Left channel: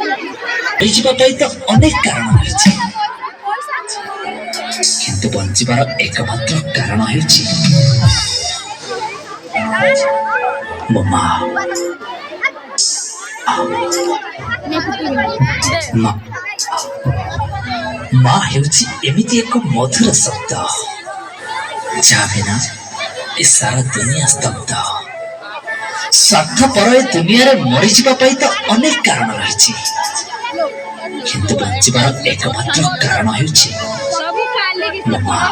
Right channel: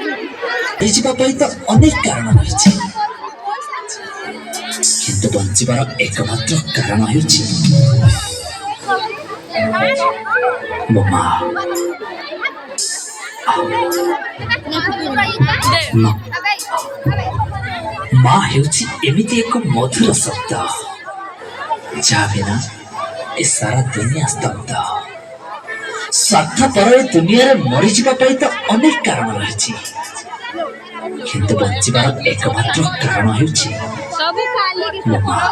मरीजिबा पाई तो अनेक कारण रही किंतु बंचिबार एकमात्र कारण होइछि मो मां। मां हेउछि एमिति एक मधुर शब्द जा बिना ए सारा दुनिया स्तब्ध। स्वार्थपर ए दुनिया मरीजिबा पाई तो अनेक कारण रही किंतु बंचिबार एकमात्र कारण होइछि मो मां।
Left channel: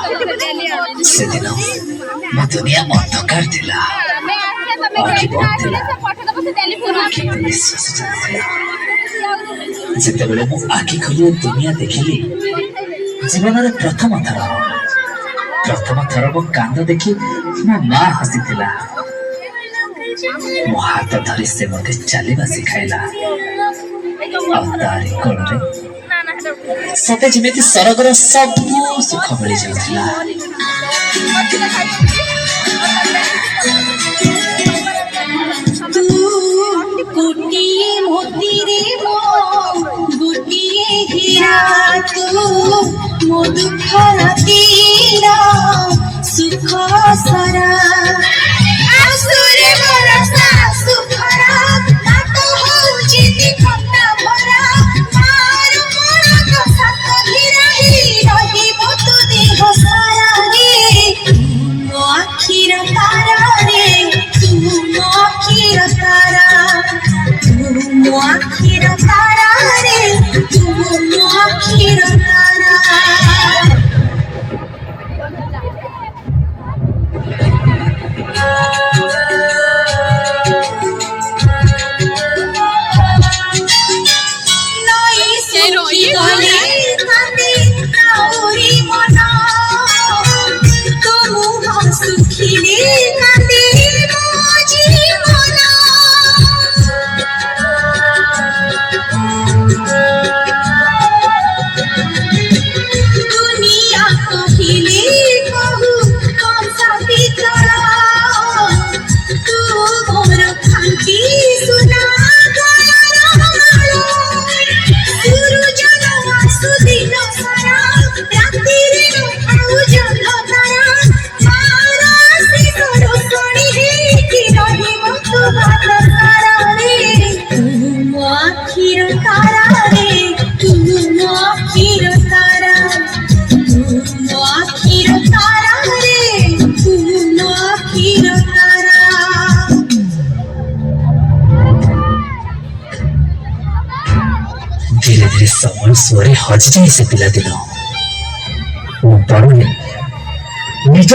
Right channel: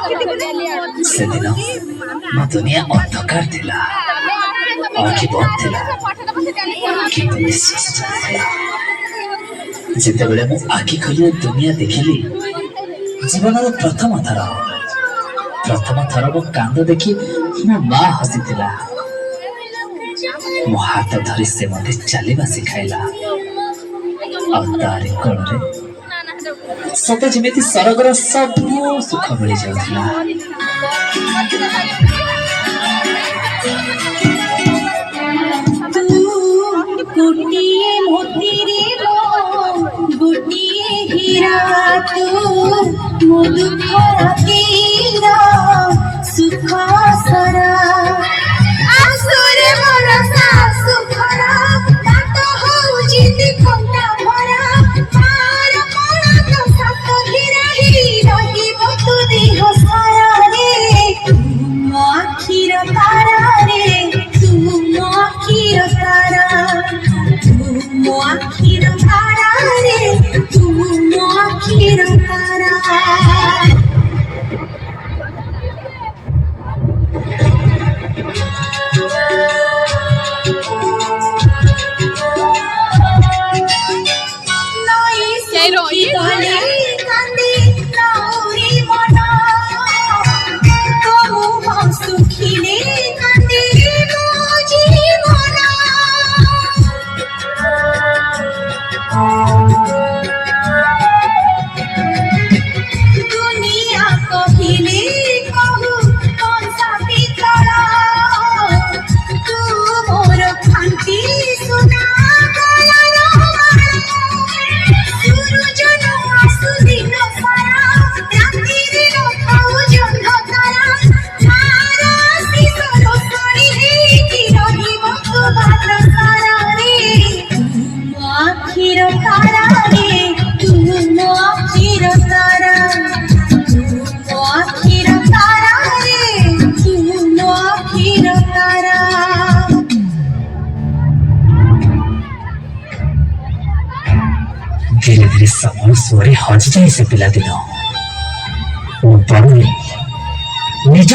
से दिन मो दुनिया अंधकार थिला, आखि बंद थिला, किंतु निश्वास चलुथिला। जेतेबेले मु आखि खोली दुनिया देखिली जीवन प्रथम थर वो कांद देखी मो मां हसीथिला। मो हाथ धरी से मते चलवा सिखाइला तारी कोଳରେ सते जेमिति सरगर सब सुख मिली जाउथिला। तू गोटिए मोती रे मो गोटिए हीरा तू मो दुख रातीरा सुख सारा आसुरे बरसा सुखरा नातो होउची दिखंता भरा मार कोण तो सात हीराही रहिबो तू देह सारा रे मो आखिर तारा रे तू मो आखिर तारा तू मो आखिर तारा रे तू मो आखिर तारा। धीरे धीरे समय सोरे हजि जाए से पिला दिन बड़ निज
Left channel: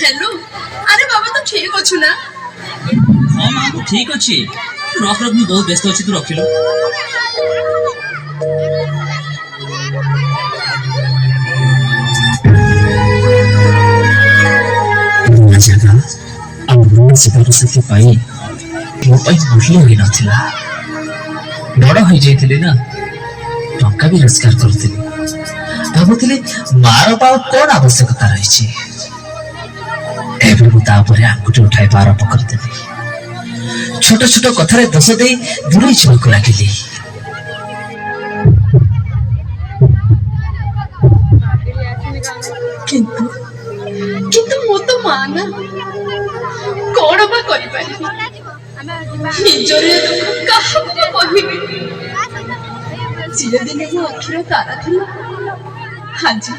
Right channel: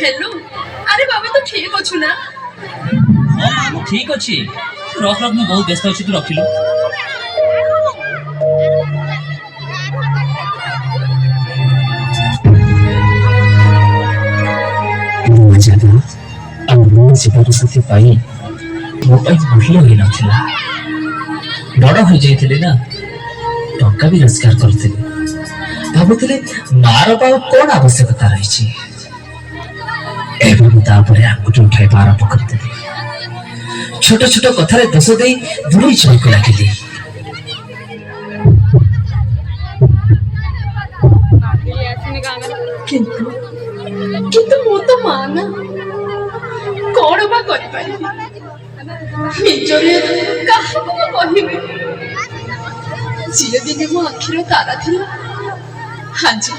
हेलो अरे बाबा तो ठीक अच्छु ना? हाँ मां ठीक अच्छी रख रख बहुत व्यस्त अच्छी तू रखिलु। जीवन साथी पाई मो मूल्य हो नथिला। बड़ हो जाइथिले ना टंका भी रोजगार करथिले भाबुथिले मार पाव कोन आवश्यकता रही एबे मु तापरे आंगुठी उठाई आरंभ करदेली। छोट छोट कथारे दोष दे दूरे चलक लागिली। किंतु मु तो माना कौन बा करि पारि निजरे काहको कहिबे जिए दिन मो आखिर तारा थिला हाजी